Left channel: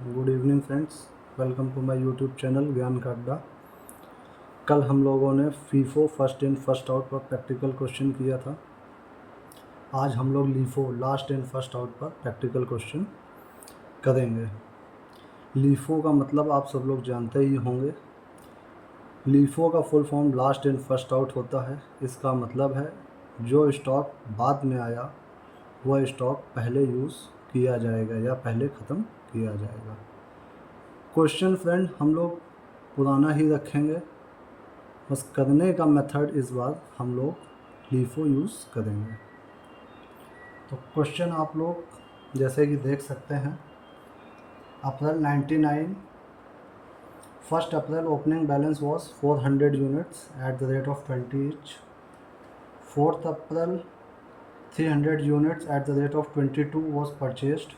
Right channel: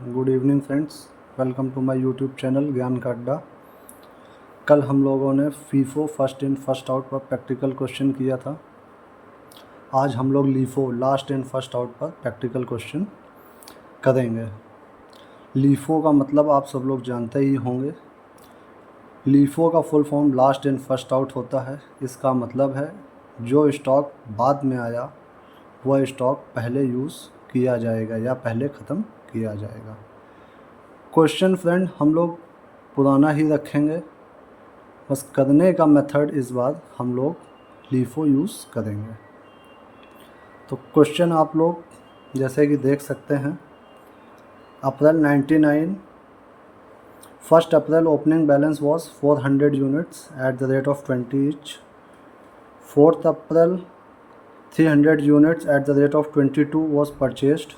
Good evening friends, welcome to my YouTube channel Gyan ka Adda. कल हम लोगों ने FIFO first in first out पर प्रैक्टिकल क्वेश्चन किया था। आज हम लोग LIFO last in first out पर प्रैक्टिकल क्वेश्चन करेंगे। लीफो का मतलब आप सब लोग जानते ही होंगे। लीफो का full form last in first out होता है। इसका मतलब है जो स्टॉक बाद में आया वह स्टॉक पहले यूज़ किया जाएगा या पहले ख़त्म किया जाएगा। क्वेश्चन फ्रेंड हम लोग पुराना ही रखेंगे, बस करने का मेथड इस बार हम लोग लीफो यूज़ करेंगे। तो क्वेश्चन आप लोग जैसे कि देख सकते हैं, April 99, 1 April opening balance was 400 units at the rate of 20 each. 4 April 300 units at the rate of 22 was purchased,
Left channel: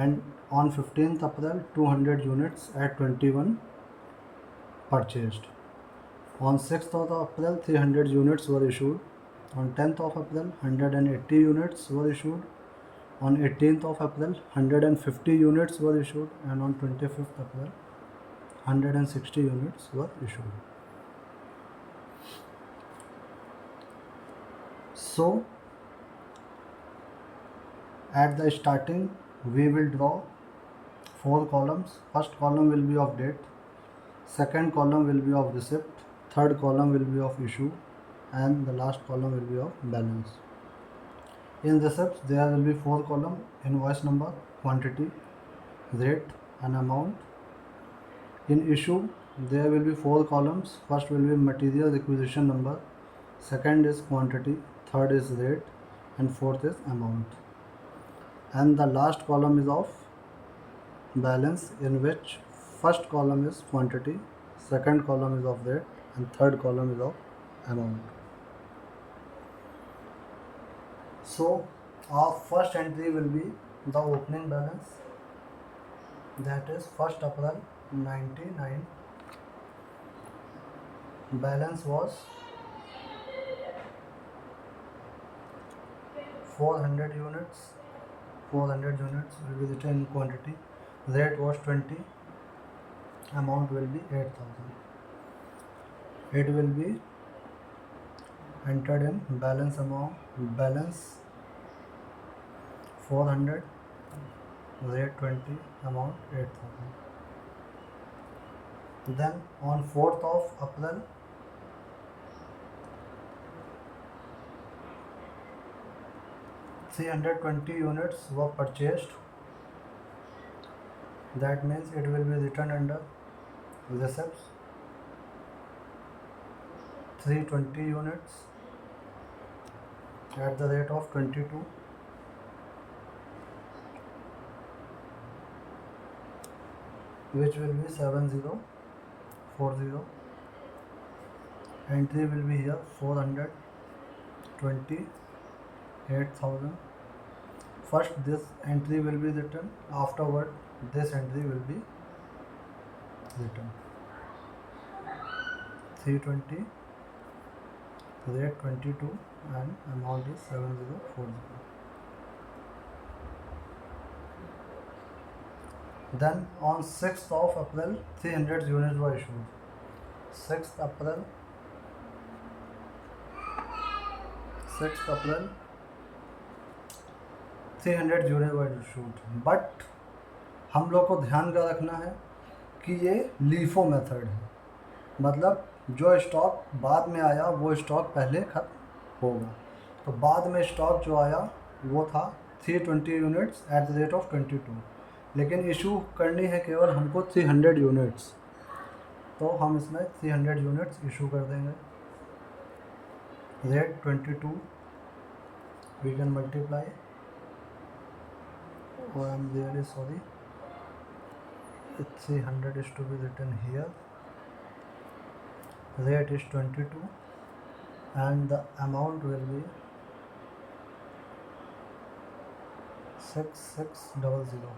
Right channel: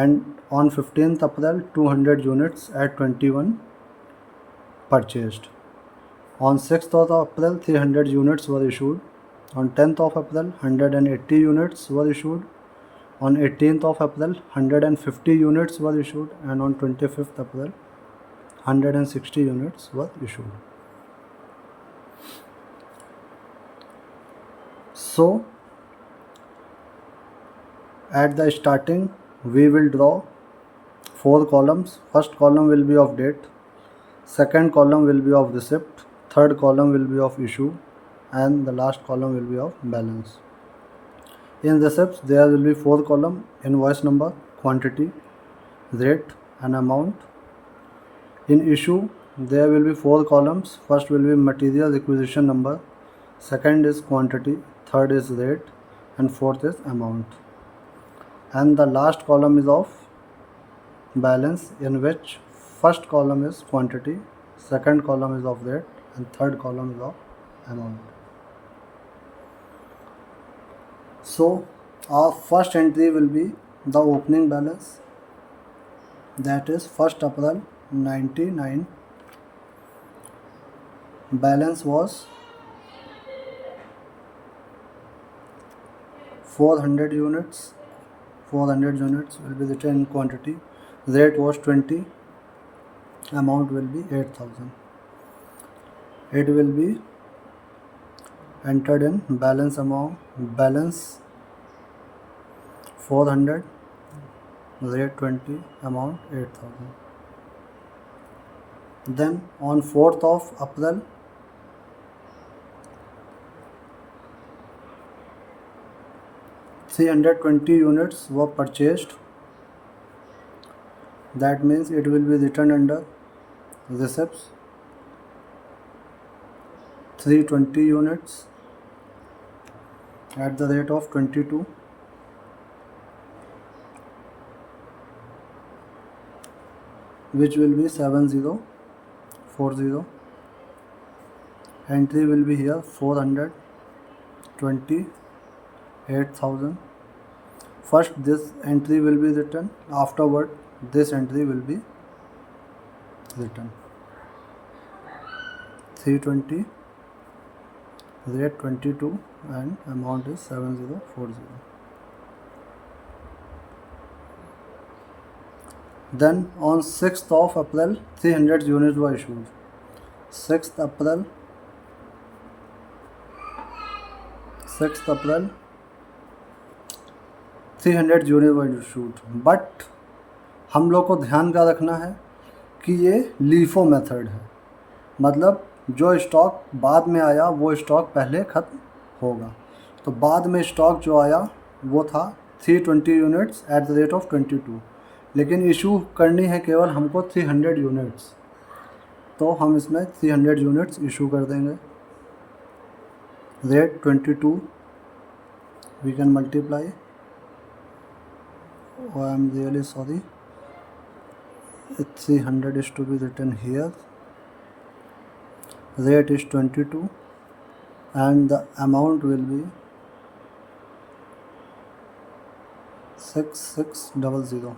and on 15th April 200 units at 21 purchased. On 6th of April 300 units were issued. On 10th of April 180 units were issued. On 18th of April 150 units were issued, and on 25th April 160 units were issued. So at the starting we will draw 4 columns. First column will be of date, second column will be of receipt, third column will be of issue, and the last column will be of balance. In receipts there will be 4 columns: invoice number, quantity, rate and amount. In issue there will be 4 columns. First will be material requisition number, second is quantity, third is rate, and fourth is amount. And the last column is of balance, in which first column is quantity, second column is of rate, and third column is of amount. So our first entry will be the opening balance, that is 1st April 99. Balance was 400 units. 400 units will be written in quantity. Rate was 20. Amount will be 8,000. It will be entered in balance amount. Balance 400, rate 20, amount 8,000. Then on 4th of April 320 units were purchased. That means it will be written under receipts. 320 units at the rate of 22, which will be 7040. Entry will be here 428,000. First this entry will be written, afterward this entry will be written. 320, rate 22, and amount is 7040. Then on 6th of April 300 units were issued. 6th April 300 units were issued. But हम लोग को ध्यान का रखना है कि ये LIFO method है, मतलब जो स्टॉक बाद में आया वो स्टॉक पहले ख़त्म होगा। तो बाद में स्टॉक जो आया वो था 320 units at the rate of 22, लेकिन इशू करनी है केवल हमको 300 यूनिट्स, तो हम इसमें 300 यूनिट्स इशू कर देंगे। Rate 22 we can multiply. Oh, I am really sorry. 300 is to be written here. Rate is 22 and the amount will be 6600.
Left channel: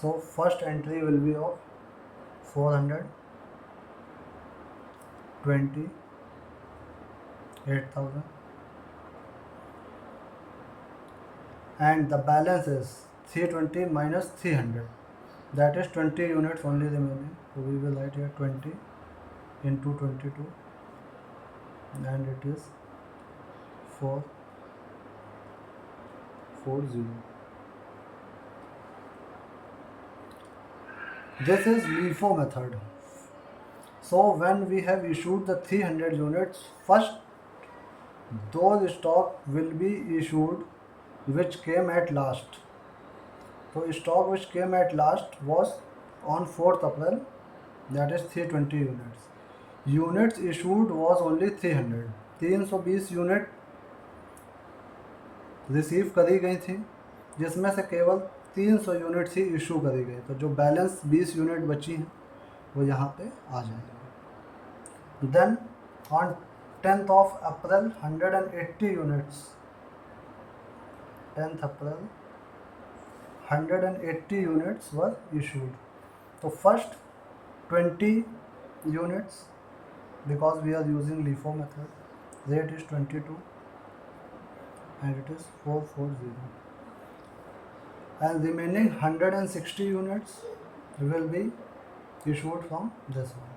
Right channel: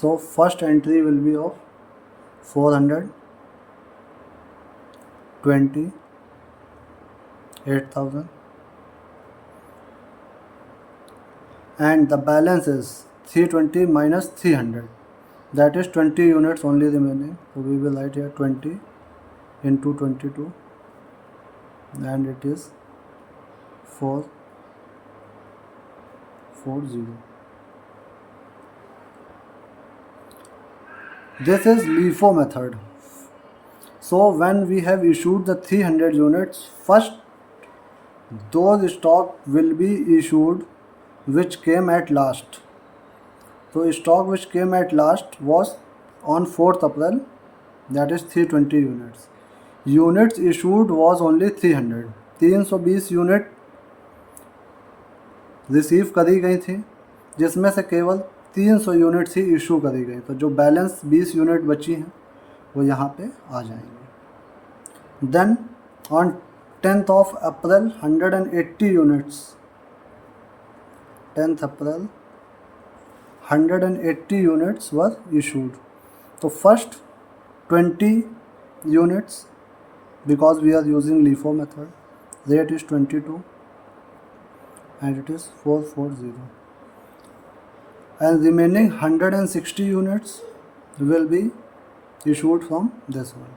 So first entry will be of 420, 8,000, and the balance is 320 minus 300, that is 20 units only remaining. So we will write here 20 into 22 and it is 440. This is LIFO method. So when we have issued the 300 units, first those stock will be issued which came at last. So stock which came at last was on 4th April, that is 320 units. Units issued was only 300. 320 unit receive करी गई थी, जिसमें से केवल 300 units ही issue करी गई। तो जो बैलेंस 20 यूनिट बची हैं वो यहाँ पे आ जाएंगे। Then on 10th of April 180 units, 10th April 180 units were issued. So first 20 units, because we are using LIFO method, rate is 22 and it is 440, and remaining 160 units will be issued from this one.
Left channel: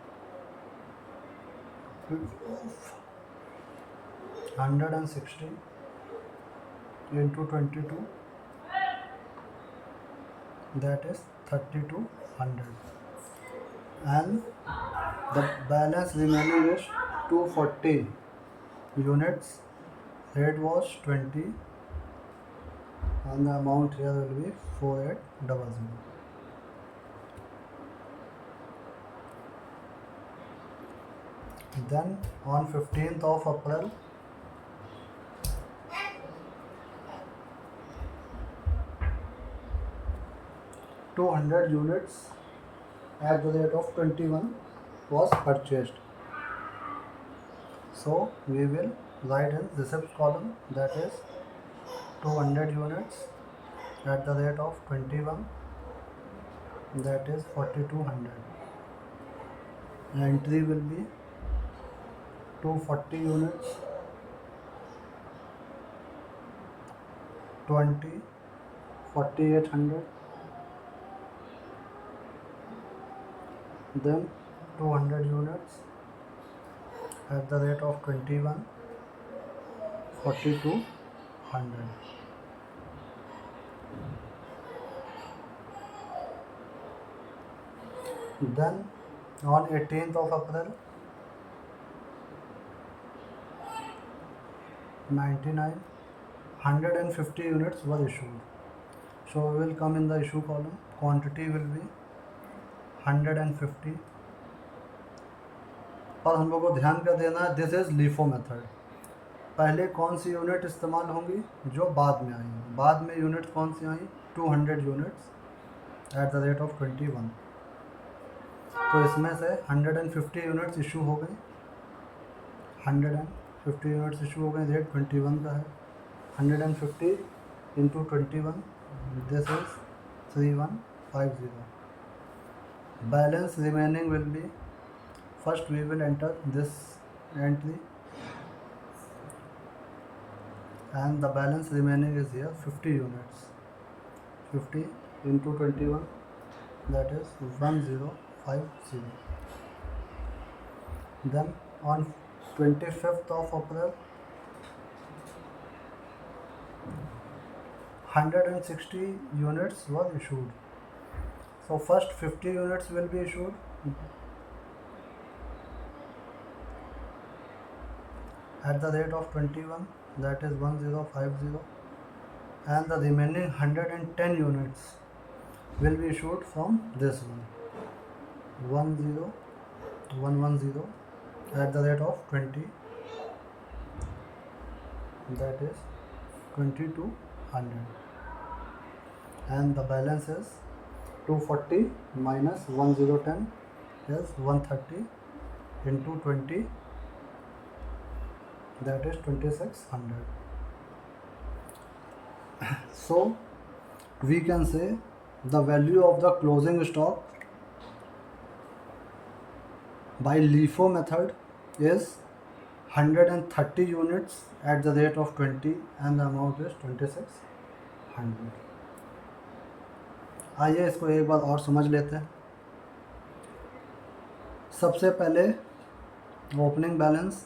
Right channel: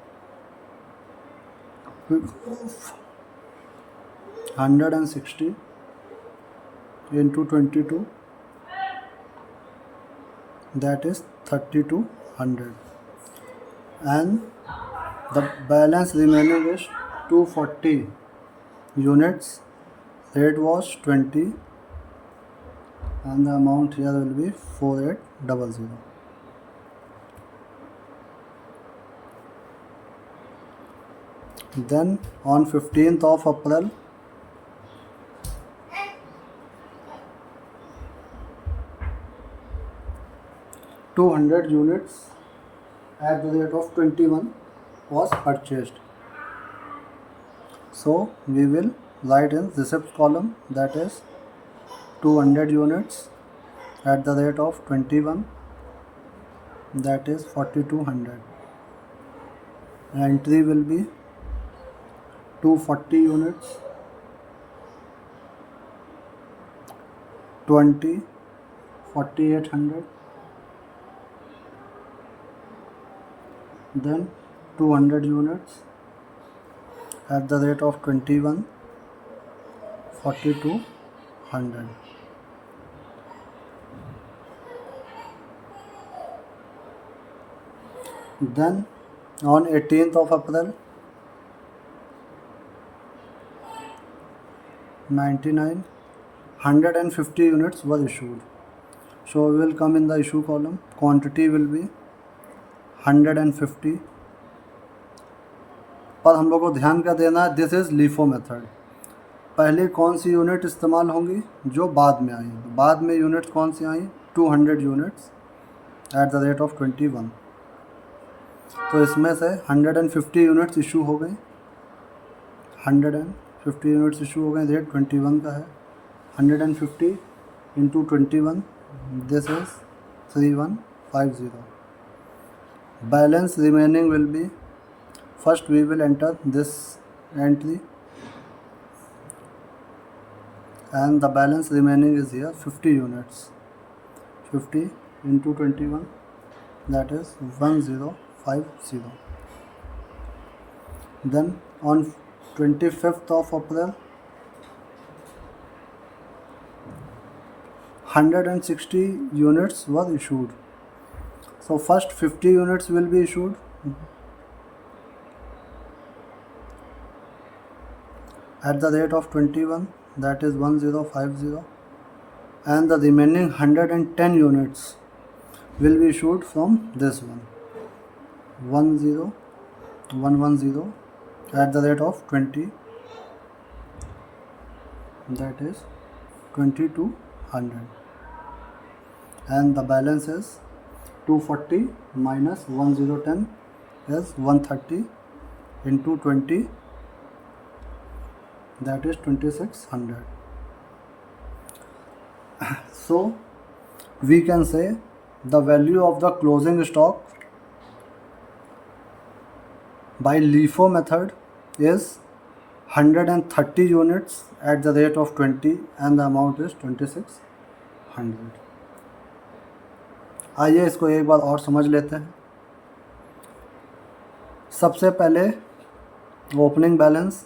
160 into 22, that is 3200, and the balance remaining is 240 units. Rate was 20 and the amount here will be 4800. Then on 15th of April 200 units at the rate of 21 was purchased. So we will write in receipts column, that is 200 units at the rate of 21, that is 4200. Entry will be 240 units, 20, 4800, then 200 units at the rate of 21, 4200. Then on 18th of April 150 units were issued. So we will come in the issue column. Quantity will be 150, पर हम लोग को ध्यान का देना है, this is LIFO method. पहले कौन सी यूनिट इस्तेमाल होंगी, जो बाद में आई। बाद में यूनिट्स कौन सी आई, 200 units at the rate of 21। तो इसमें से 150 यूनिट्स इशू हो गई, 150 यूनिट्स इशू हो गई, रेट 21 का है। 150 into 21, this is 3150। Balance remaining will be, first we will enter this entry and the balance remaining is here 50 units. 50 into 21, that is 1050. Then on 25th of April 160 units were issued. So first 50 units will be issued at the rate of 21, that is 1050, and the remaining 110 units will be issued from this one, 10110 at the rate of 20, that is 2200, and the balance is 240 minus 1010 is 130 into 20, that is 2600. So we can say the value of the closing stock by LIFO method is 130 units at the rate of 20 and the amount is 2600. 2600। आइए इसको एक बार और समझ लेते हैं। सबसे पहले opening balance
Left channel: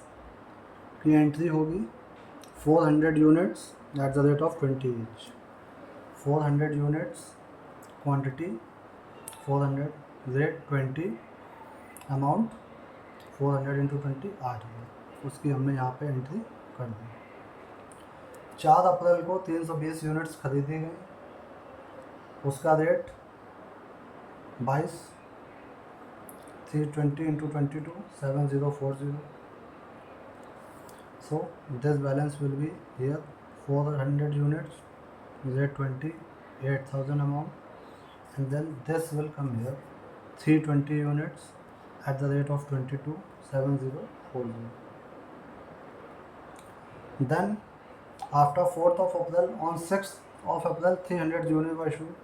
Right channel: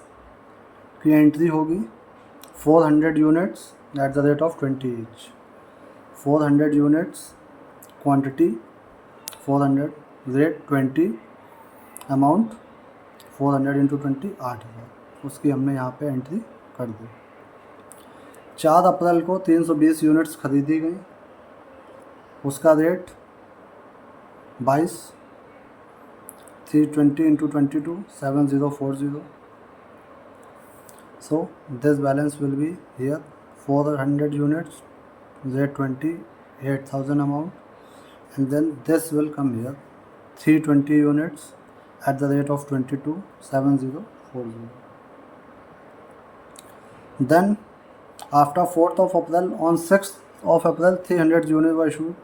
की एंट्री होगी 400 units at the rate of 20 each. 400 units quantity 400 rate 20 amount 400 into 20 8,000, उसकी हमने यहाँ पे एंट्री कर दी। 4 अप्रैल को 320 यूनिट्स खरीदी गई, उसका rate 22, 320 into 22 7040। So this balance will be here 400 units, Z20 8,000 amount, and then this will come here 320 units at the rate of 22 7040. Then after 4th of April, on 6th of April 300 units were issued.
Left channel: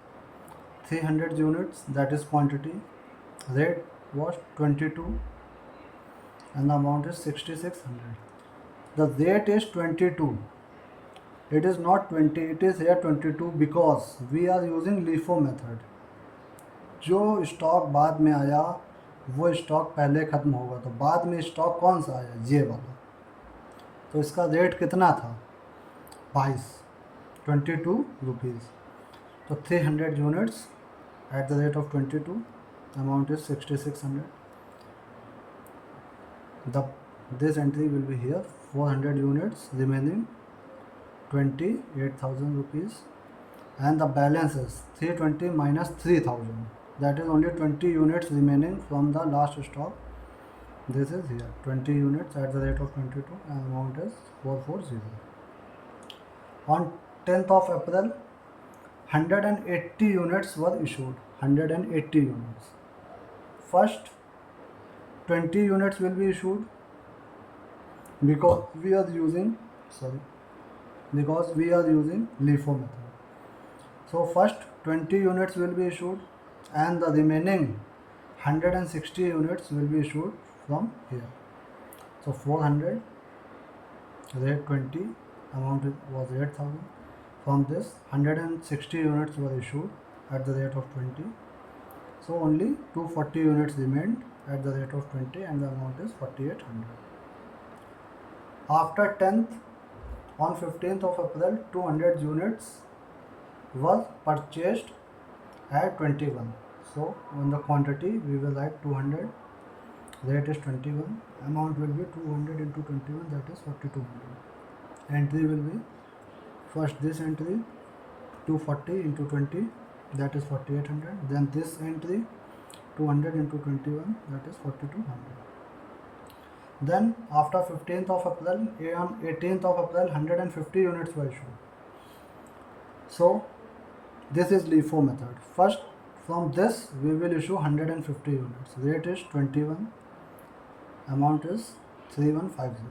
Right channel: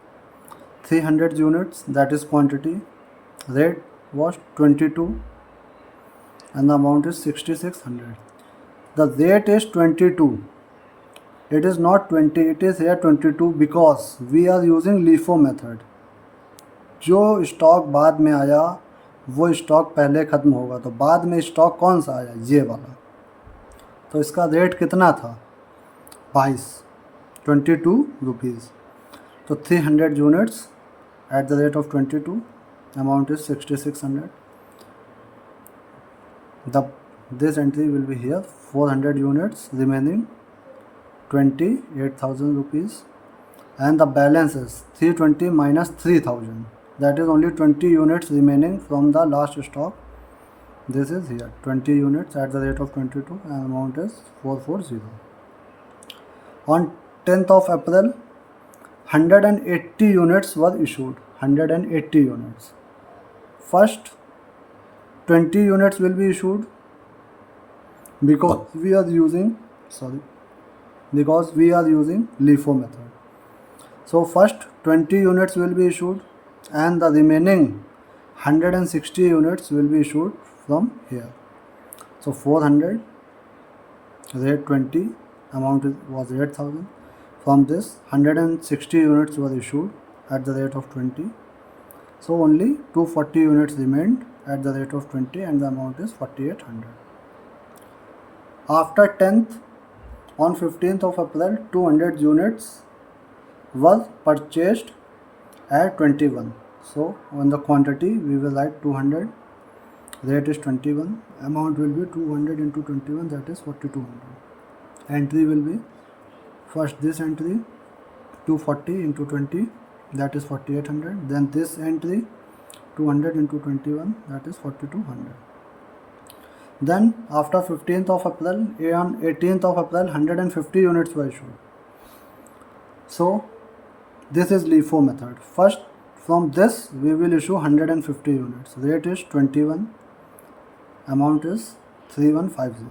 300 units, that is quantity, rate was 22 and the amount is 6600. The rate is 22, it is not 20, it is here 22 because we are using LIFO method. जो stock बाद में आया वो stock पहले ख़त्म होगा, तो बाद में स्टॉक कौन सा आया, ये वाला, तो इसका रेट कितना था 22 रुपीज़। तो 300 units at the rate of 22, amount is 6600। This entry will be here 400 units remaining 28,000 rupees, and the balance is 320 minus 3,000, that is only 20 units remaining from the last stock. This is here 20 units at the rate of 22 and amount is 440. On 10th of April 180 units were issued. 180 units. First 20 units will be issued because we are using LIFO method. So first 20 units will be issued and the remaining 160 units will be issued from here. So 400 rate 20, amount was 8,000. From this 160 units were issued at the rate of 20. So only 240 units remained at the rate of 20 and the amount is 4,800. After 10th, on 15th of April, 200 units was purchased at 21. So on the quantity we will write 200, rate is 21, amount will be 200 into 21, that is 4,200. Entry will be first this entry 240 into 20, that is 4,800. Then this entry 200 into 21, that is 4,200. Then after 15th of April, on 18th of April 150 units were issued. So this is LIFO method. First from this we will issue 150 units. Rate is 21, amount is 3,150.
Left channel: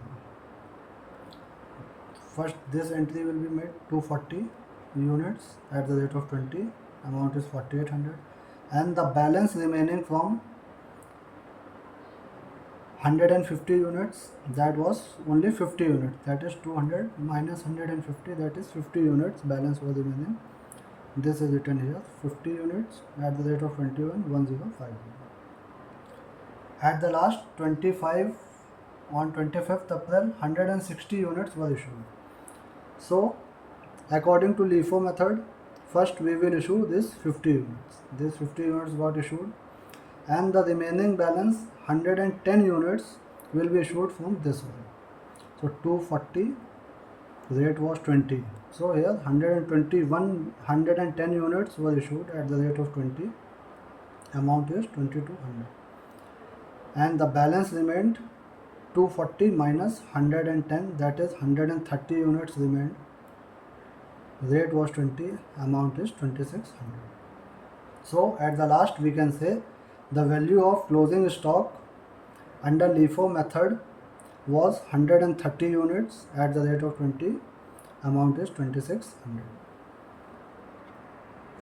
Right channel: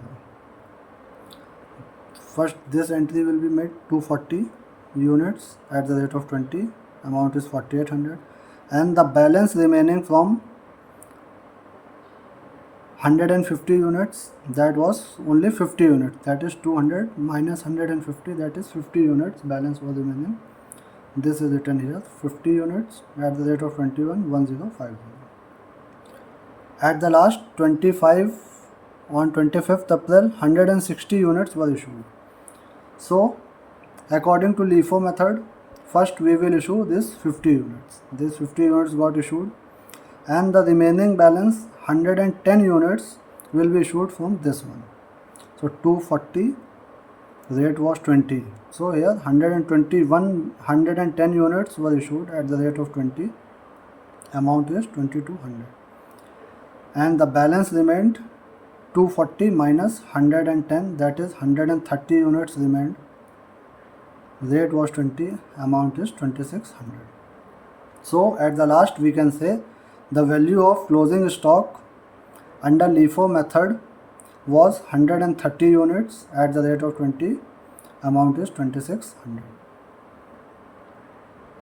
First this entry will be made 240 units at the rate of 20, amount is 4,800, and the balance remaining from 150 units, that was only 50 units, that is 200 minus 150, that is 50 units balance was remaining. This is written here 50 units at the rate of 21 1050. At the last 25, on 25th April 160 units were issued. So according to LIFO method, first we will issue this 50 units. This 50 units got issued and the remaining balance 110 units will be issued from this one. So 240, rate was 20. So here 110 units were issued at the rate of 20, amount is 2,200, and the balance remained 240 minus 110, that is 130 units remained. Rate was 20, amount is 2,600. So at the last we can say the value of closing stock under LIFO method was 130 units at the rate of 20, amount is 2,600.